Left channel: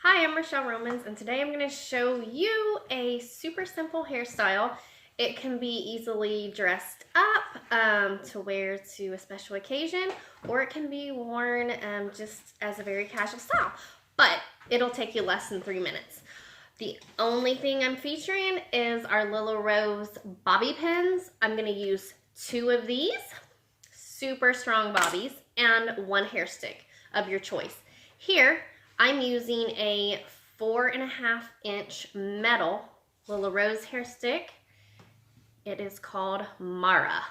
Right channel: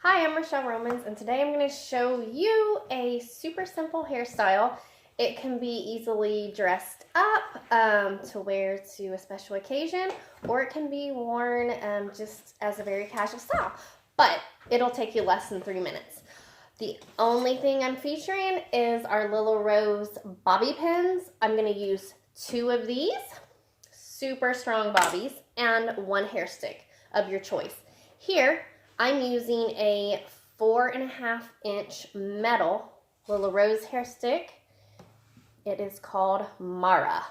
Hi, I'm Rochelle Romans, and today I'm going to show you a super simple hairstyle. It can be easily dressed up to wear to a special occasion, or it can be worn just as a very casual style, but it'll take you less than 3 minutes. The only thing I'm featuring is our Lila Rose bobby pins. I'm going to use 2 of these, super strong bobbies, and 1 hair stick of your choice. Here, I'm using a 4.5-inch metal Lila Rose hair stick. It is called Mara.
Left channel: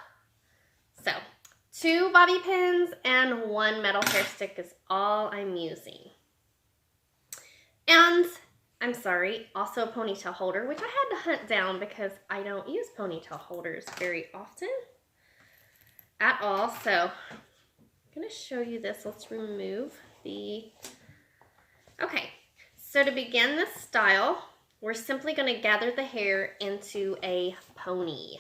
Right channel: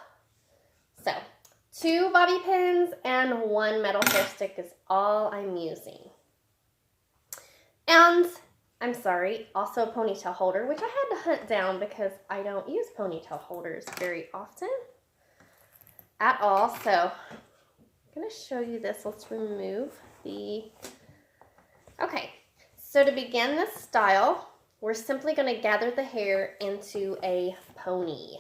So, 2 bobby pins and 1 metal hair stick is all I'm using. And, I'm sorry, also a ponytail holder, which I had to hunt down because I don't use ponytail holders very often at all. So, I'm going to show you this. Let's remove the... Okay, so to begin this style, we're simply going to gather the hair into a pony.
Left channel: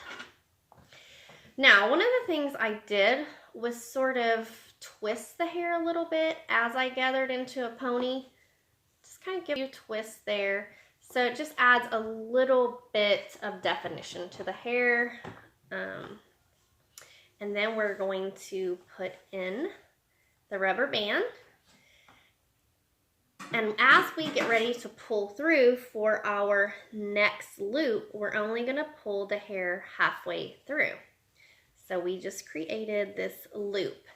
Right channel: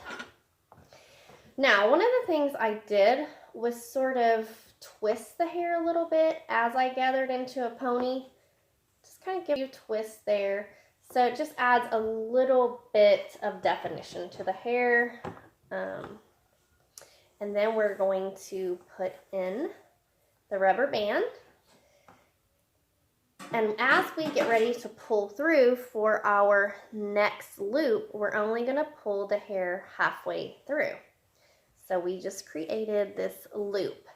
Now, one of the things I did was sort of twist the hair a little bit as I gathered into a pony. Just kind of give you a twist there. So it just adds a little bit of definition to the hair. And then we're going to put in the rubber band. And as we get ready to pull through for our next loop, we're only going to pull the hair halfway through. So we just created this loop.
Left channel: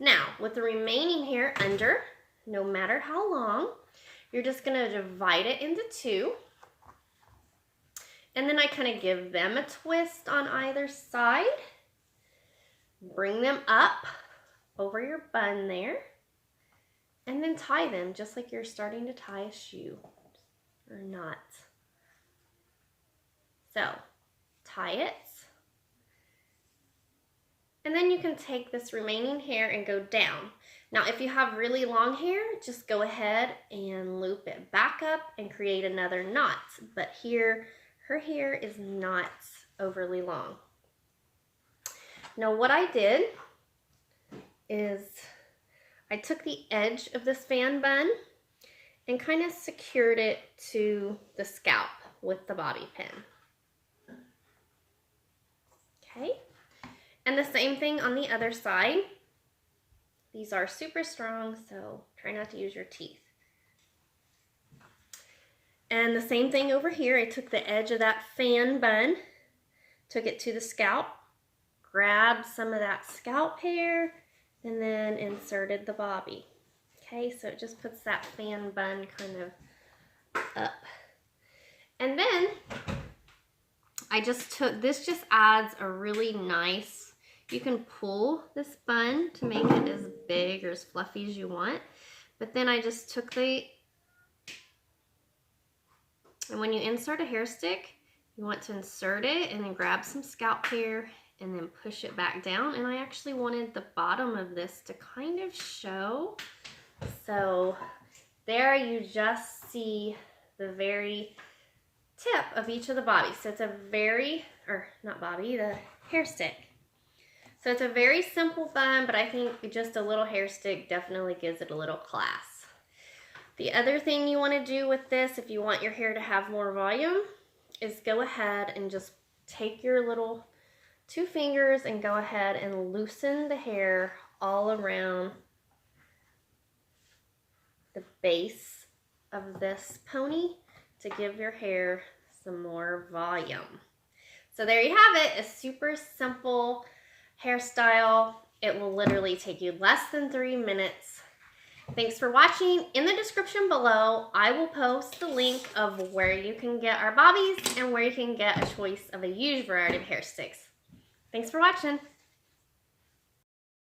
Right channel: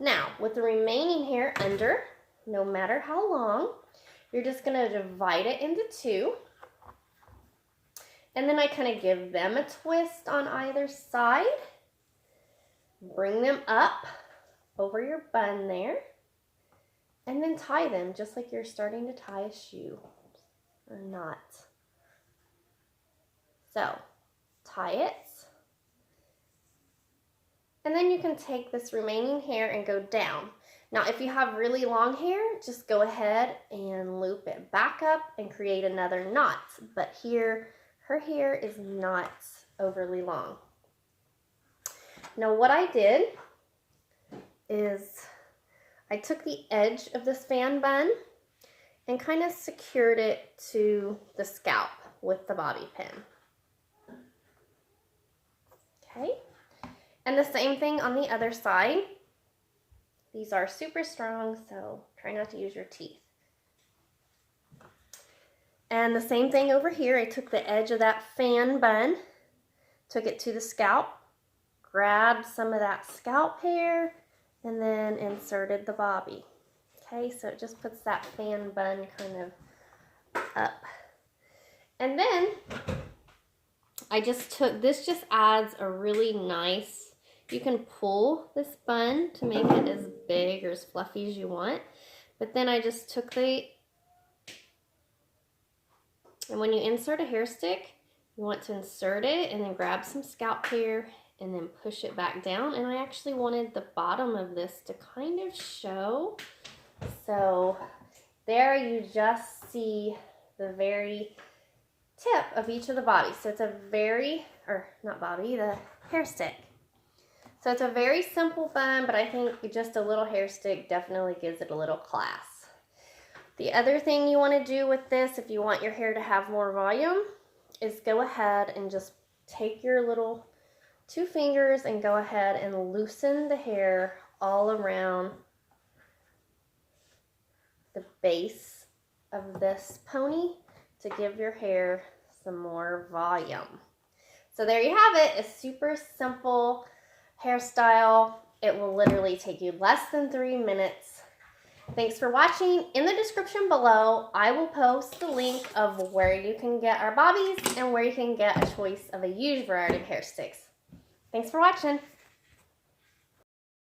Now, with the remaining hair under, no matter how long, you're just going to divide it into 2. And then I kind of give them a twist on either side. Bring them up over your bun there. And then tie them just like you're starting to tie a shoe or knot. So, tie it. And then you can take this remaining hair and go down. Now, if you have really long hair, just go ahead and loop it back up and create another knot. But here, her hair is not overly long. Now, what I did is I took the edge of this fan bun and kind of secured it to the scalp with the bobby pin. Okay, and the same thing on the other side. These are super strong, so try not to use your teeth. And the same thing over here. I took the edge of that fan bun, took it to the scalp, grabbed some of that scalp hair, and then inserted the bobby. Okay, so it just puts that fan bun kind of up. And then I just took, this just adds a really nice, you can pull this bun to make it as big or as fluffy as you want. But then I just took and when you insert a hair stick, you want to insert it and then grab some scalp hair and then push it back down. And I actually wanted the bottom of this to kind of show. So there you just see the very tip of each of the bobbies. So it's a very, or not bobby, the hair stick. So it's a very simple bun, but I think just a little hair stick definitely gives it a little class. The other thing you want to do with this, if you want your hair to have more volume, is go ahead and just take your little 2 fingers and go ahead and loosen the hair all around the base of this pony to give your hair some more volume. So there you have it, a super simple hairstyle. It will literally take you less than 3 minutes. Thanks for watching. In the description below, I will post the link of where you can get our bobbies and where you can get a choice of a huge variety of hair sticks. Thanks for watching.